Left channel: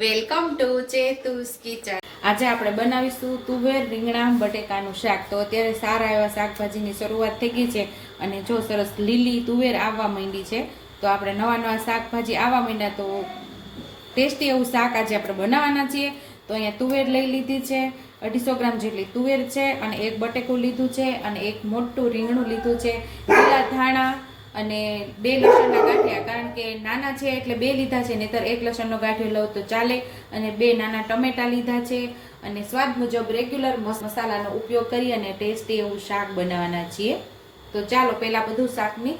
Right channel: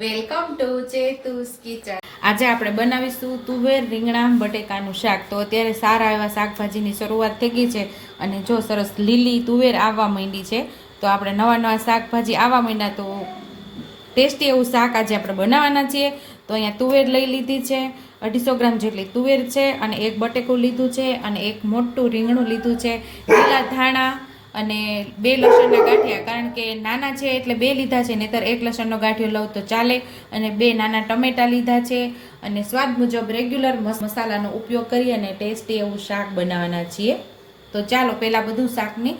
Welcome to ચેતુસ kitchen. આજે આપણે બનાવીશું તુવેર રીંગણા બટેકાનું શાક. તો અત્યારે સારા એવા શાકભાજીની શરૂઆત થઈ ગઈ છે અને જો સરસ લીલી તુવેર આવવા માંડી છે, તો આપણે નવા નવા શાકભાજી આવવા માંડ્યા તો ટેસ્ટી એવું શાક આજે આપણે બનાવવાના છીએ. તો અહીંયા તુવેર લઈ લીધી છે, અઢીસો ગ્રામ જેટલી તુવેર છે અને એક બટેકું લીધું છે અને એક મોટું રીંગણું લીધું છે. લીલા ધાણા અને બે લસણના ગાંઠિયા, કારણ કે નાના છે એટલે બે લીધા છે, નહીતર એક લસણનો ગાંઠિયો લઉં તો ચાલે. અને બે નાના ટમેટા લીધા છે અને સ્વાદ મુજબ રેગ્યુલર મસાલાનો ઉપયોગ કરી અને ટેસ્ટી એવું શાક બનાવવાના છીએ. તો ચાલો પહેલાં બધું શાકની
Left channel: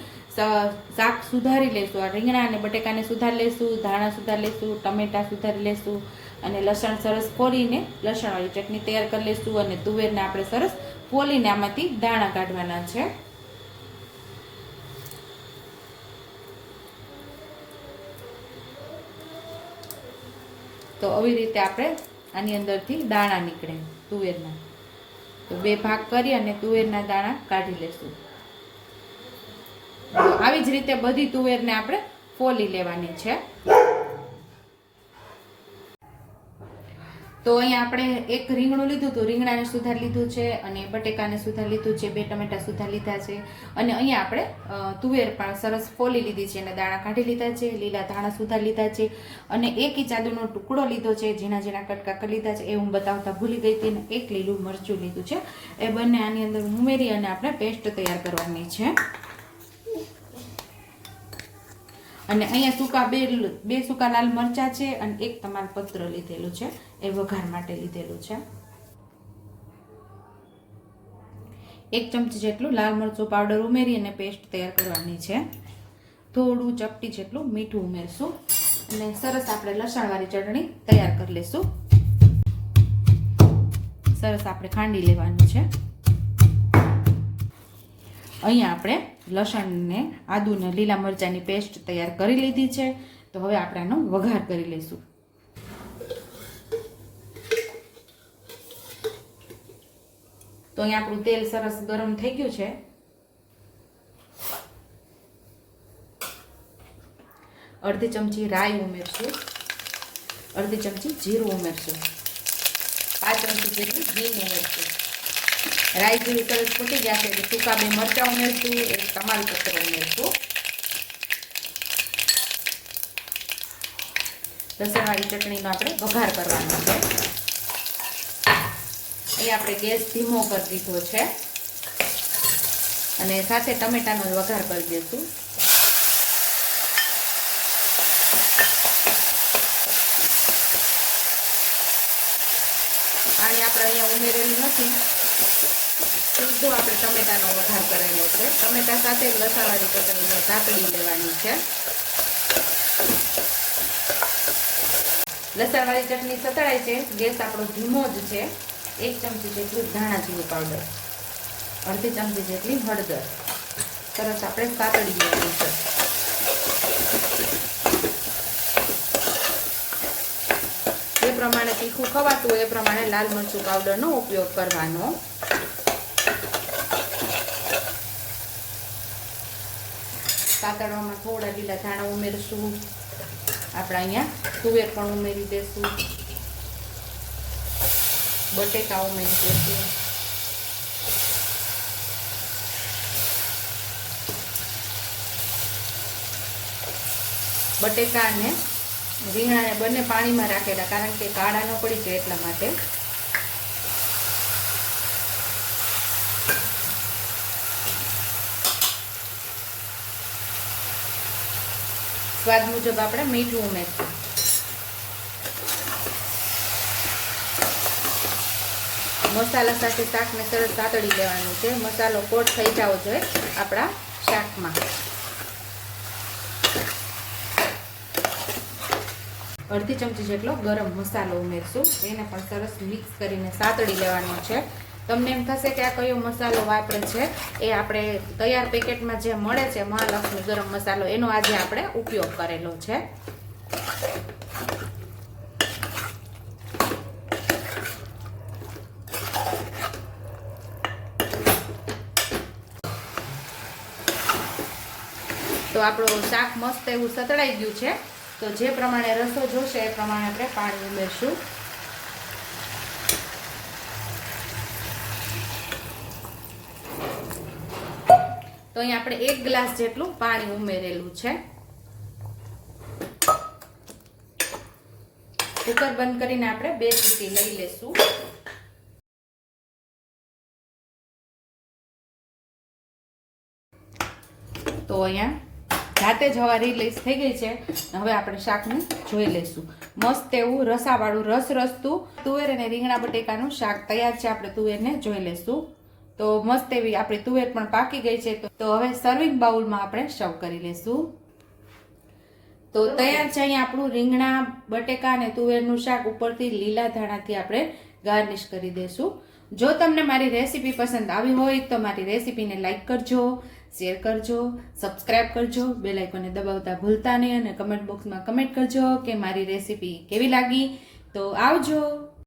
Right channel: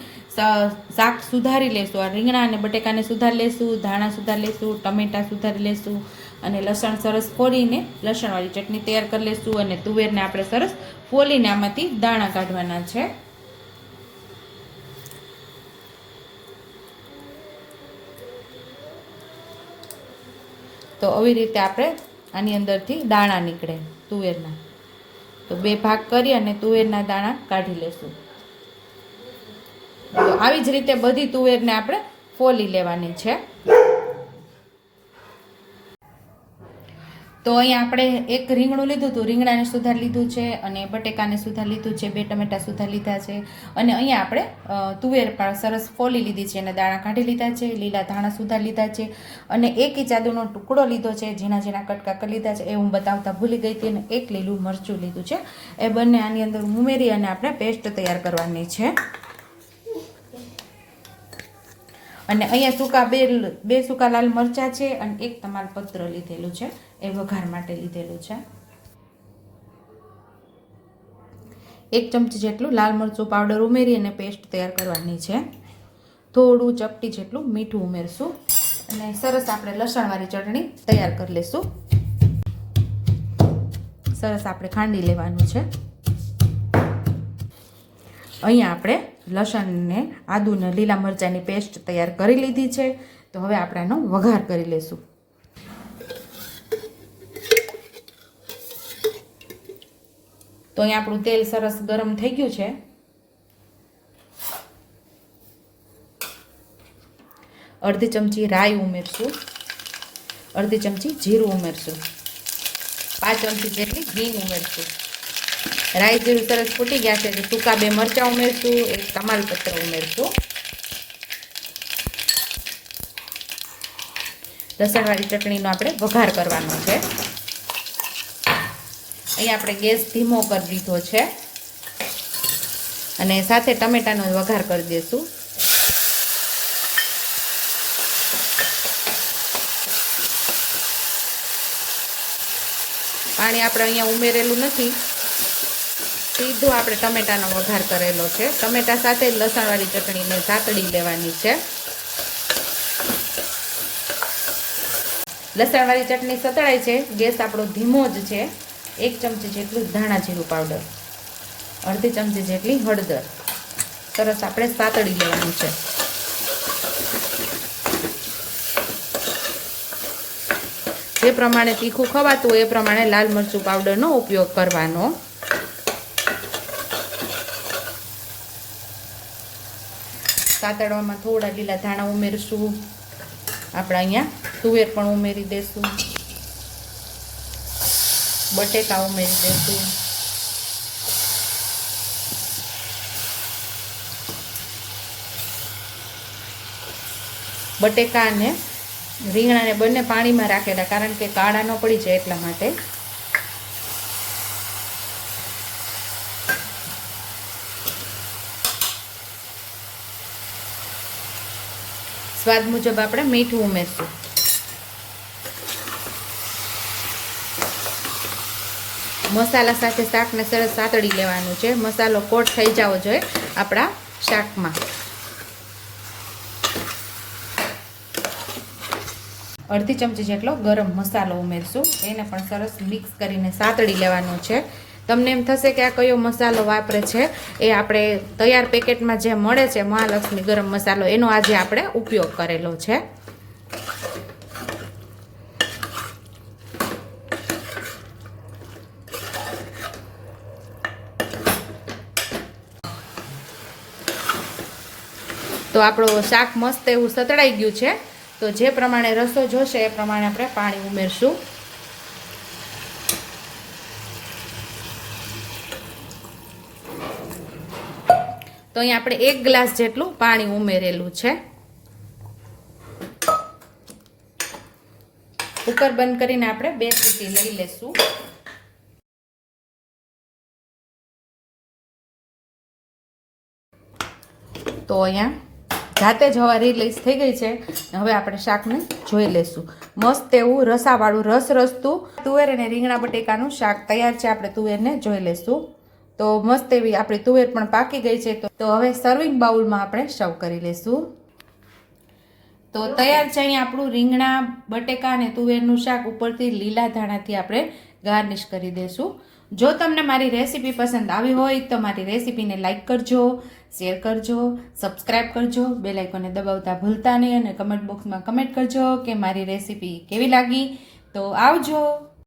શાક સુધારી લેશું. આ રીંગણા અને બટેકાને સુધારી લેશું, ધાણા સુધારી લેશું, ટમેટા સુધારી લેશું અને લસણ સરસ ફોડીને લસણવાળી ચટણી તૈયાર કરી લેશું અને તુવેરને આપણે સરસ ફોલીને આમાંથી દાણા કાઢવાના છે. તો આવી રીતે આપણે આની અંદરથી દાણા નીકળે તુવેરના. તો બે ભાગ કરી અને તુવેરના દાણા કાઢી લેશું. આવી જ રીતે બધી તુવેરને આપણે ફોલી લેવાની છે. તો અહીંયા આપણે એક રીંગણું લીધું હતું. રીંગણાને સુધાર લીધું છે અને બટેકાને સુધાર લીધું છે. બે ટમેટા સુધાર લીધા છે. અને અહીંયા આપણે તુવેર પણ સરસ ફોલી લીધી છે અને દાણા કાઢી લીધા છે. લીલા ધાણા સુધાર લીધા છે. અને એક ઇચાદુનો ટુકડો લીધો છે. ઝીણા ઝીણા કટકા કરી લીધા છે. એ હું બતાવતા ભૂલી ગઈ હતી અને એક લીલું મરચું લીધું છે. એ બંને આની અંદર ઉમેરી અને આપણે પેસ્ટ તૈયાર કરવાની છે. અને અહીંયા સૂકા બે બે સૂકા લાલ મરચાં છે અને એક તમાલપત્ર લીધેલું છે. એ વઘાર માટે લીધેલું છે. એક ચમચી જેટલું લાલ મરચું પાવડર ઉમેરી અને પેસ્ટ તૈયાર કરવાની છે. થોડું ચપટી જેટલું મીઠું ઉમેરશું. અને સરસ આપણે લસણવાળી ચટણી તૈયાર કરી લઈશું સરસ આપણે ખાંડી લેવાનું છે. અહીંયા આપણે લસણને, આદુને, લીલા મરચાંની પેસ્ટ તૈયાર કરી લીધી છે. તો હવે આપણે આનો વઘાર કરી લઈશું. તો અહીંયા આપણું તેલ સરસ ગરમ થઈ ગયું છે. અડધી ચમચી રાઈ ઉમેરશું. અડધી ચમચી જીરું ઉમેરશું. પાંચ ચમચી જેટલી ગ્રીન ઉમેરશું. રાઈ જીરું સરસ ફૂટી ગયા છે. એટલે સૂકા બે મરચાં ઉમેરશું, એક તમાલપત્ર ઉમેરશું. લસણવાળી ચટણીનો આપણે વઘાર કરવાનો છે. અહીંયા આપણે ગેસ ધીમો કરી દીધો છે. અને સાથે ટમેટાનો વઘાર કરી દઈશું પાણી આપણે અહીંયા ઉમેરેલું નથી. સીધો આપણે ટમેટાનો વઘાર કરેલો છે. ટમેટા સાથે જ લસણવાળી ચટણીને ઝાકડી લેવાની છે. લસણવાળી ચટણી સતળાય છે. ગેસ આપણો ધીમો જ છે. એક ચમચી જેટલું ધાણા જીરું પાવડર. અડધી ચમચી જેટલી હળદર. સરસ આપણે સાતળી લેવાની છે. જે પ્રમાણે તીખું ખવાતું એ પ્રમાણે લાલ મરચું પાવડરનો ઉપયોગ કરવાનો. સાતળવામાં થોડા લીલા ધાણા ઉમેરશું. આપણે અહીંયા તુવેર પણ ઉમેરી દઈશું બટેકા ઉમેરી દઈશું બટેકા અને રીંગણાને બંને પાણીમાં રાખેલા, કારણ કે કાળા ન પડી જાય એટલા માટે. સ્વાદ મુજબ આપણે મીઠું ઉમેરશું. મસાલા સાથે શાકને સરસ સાતળી લેવાનું છે. મસાલો કોટ થઈ જવો જોઈએ આપણા શાકમાં. અડધી ચમચી જેટલો ગરમ મસાલો ઉમેરશું. એને પણ સરસ મિક્સ કરીને સાતળી લેવાનો છે. તમને એમ થશે કે આ કયો મસાલો વાપરે છે, એ આપણે તૈયાર પેકેટમાં જે મળે છે, મહાલક્ષ્મી ગરમ મસાલો, એનો આજે આપણે ઉપયોગ કરેલો છે. તો આપણો શાક મસ્ત એવું સતળાઈ ગયું છે, તો જે પ્રમાણે રસો જોશે, એ પ્રમાણે આપણે પાણી ઉમેરશું. તો અહીં આપણે એક ગ્લાસ જેટલું પાણી ઉમેરેલું છે. કુકર બંધ કરીને આપણે બે સીટી લઈ લેશું તો અહીંયા જાતે જ હવા રિલીઝ થઈ ગઈ છે. હવે આપણે શાકને જોઈ લઈશું. મસ્ત એવું રસાવાળું રસ રસતું તુવેર અને રીંગણા બટેકાનું શાક તૈયાર છે. આપણે તુવેરને જોઈ લઈશું. તો મસ્ત એવી આપણી તુવેર પણ પાકી ગઈ છે. તો હવે સર્વિંગ બાઉલમાં આપણે સર્વ કરી લઈશું તો તૈયાર છે અહીં આપણું રીંગણા, બટેકા અને તુવેરનું શાક ઉપરથી લીલા ધાણાથી આપણે ગાર્નિશ કરી દઈશું જો તમને મારી રેસીપી પસંદ આવી હોય તો મારી રેસીપીને લાઇક કરજો, શેર કરજો, સબસ્ક્રાઇબ કરજો બે લાઇકોને દબાવતા ભૂલતા નહીં અને કમેન્ટ બોક્સમાં કમેન્ટ કરજો કે મારી રેસીપી કેવી લાગી. તો આવજો.